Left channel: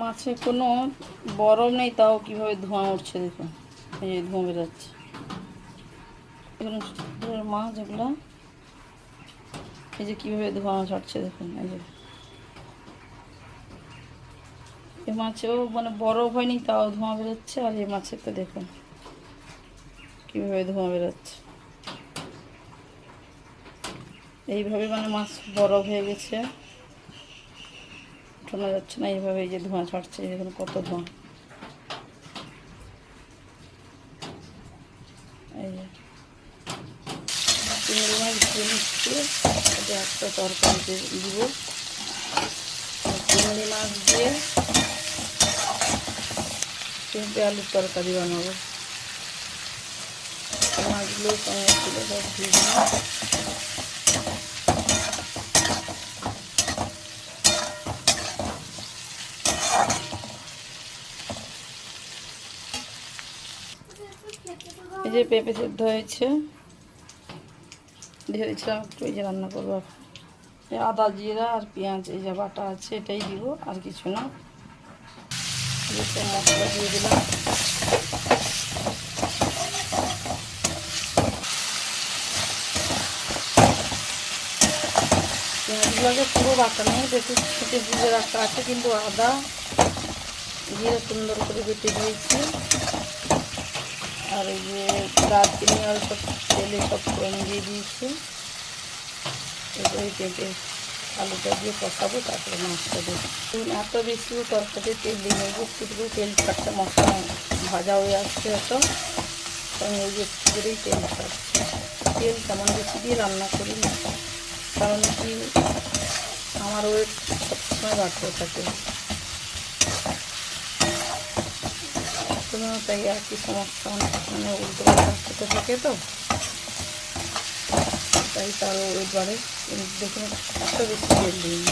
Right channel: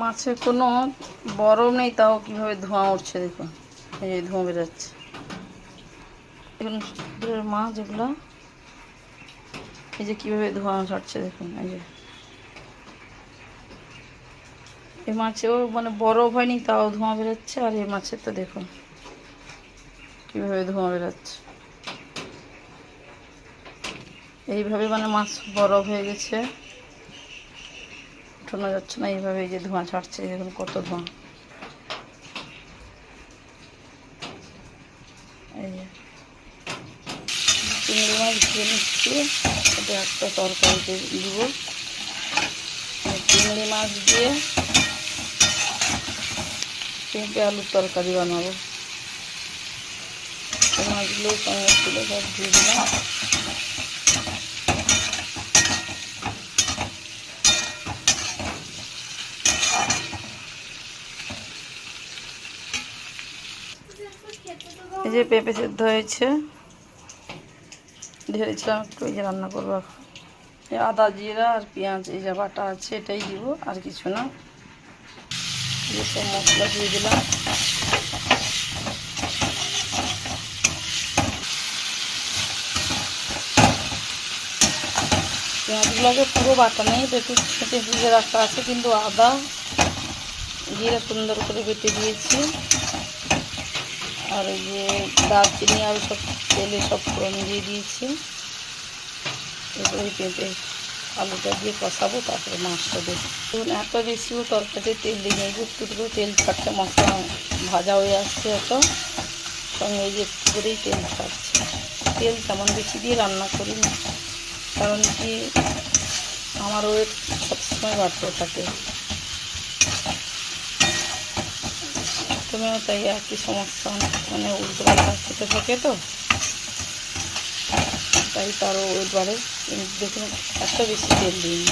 মাছের কোনো বরফ নেই, তাও কিভাবে ধোঁয়া উঠছে দেখুন। এই যে ধোঁয়া বেরোচ্ছে। এখন মাছ এগুলো, এই যে কীভাবে ধোঁয়া ছাড়ছে দেখুন। এই যে এই মাছেও মানে বরফ হয়নি, তাও ধোঁয়া বেরোচ্ছে। আর এই মাছের তো দেখুন কীভাবে ধোঁয়া বেরোচ্ছে। এইভাবে মানে মাছ বরফ হয়ে গেছে, শোনা যাচ্ছে না। এইভাবে এই যে ধোঁয়া ছাড়ছে, দেখুন কত ধোঁয়া। এই যে চিংড়ি মাছ ধুয়ে নিচ্ছি, এটা একটা তরকারিতে দিব। চিংড়ি মাছ দিয়ে পেঁপে আলুর তরকারি বানাবো। মাছগুলো সঙ্গে ছিল, সব দিয়ে দিলাম। এই যে পেঁপে সেদ্ধ হয়েছে, ঢেলেছিলাম একটু। এই যে রান্না করবো এখন। এই আদা জিরা আর পেঁয়াজ এই যা বাটা আছে এটাই দিব, আর কিছু না। সব মশলা দিয়ে দিলাম। পেঁয়াজগুলোকে পুরো বাটা নেই, একটু ছেঁটে ভিজে রাখা আছে, কিন্তু আদা জিরা সুন্দর করে বেটে দিয়েছি। আর এই যে দারচিনি আর সব তেলে সব ফোড়ন দিয়ে দিয়েছি। এবারে পেঁপে আলুটা দিয়ে কষাবো, তারপরে মাছটা দেবো। এত বেশিও তরকারিতে তেল দিয়ে নেই, একটু করে তেল ছাড়ছে। মশলা ভাজা হয়ে আসছে এত, কারণ এই যে একটু করেই তেল ছাড়ছে। তেল তেমন বেশি দিয়ে রান্না করি না, কারণ কি আমার ওয়েট সবসময় বাড়তে থাকে। তুমিও তাই একই সমস্যা, মানে উল্টো পাল্টা খেতে থাকে তো, তাই তারও ওয়েট বাড়ে। দেখুন এত বেশি তেল দিই।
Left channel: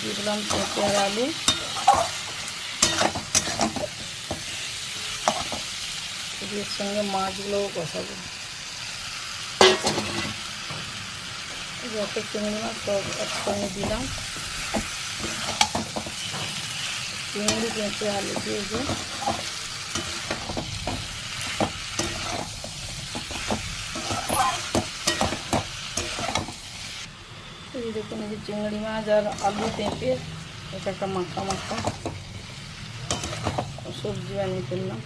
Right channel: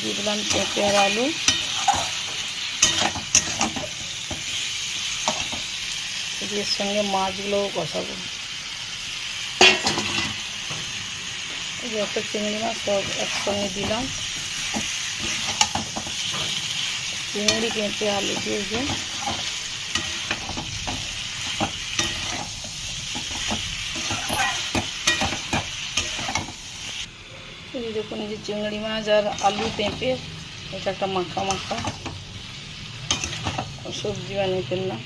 দিয়ে দিলাম পেঁপে আর আলু। এর সঙ্গে মাছগুলোও কষাবো। যত চিংড়ি মাছ সব একসঙ্গে দিলাম। চিংড়ি পেঁপে আলু দিয়ে যে এই দেখুন, এই যে চিংড়ি মাছ আর আলু পেঁপে, এটা একটা মাখা মাখা সবজি বানিয়ে ফেললাম।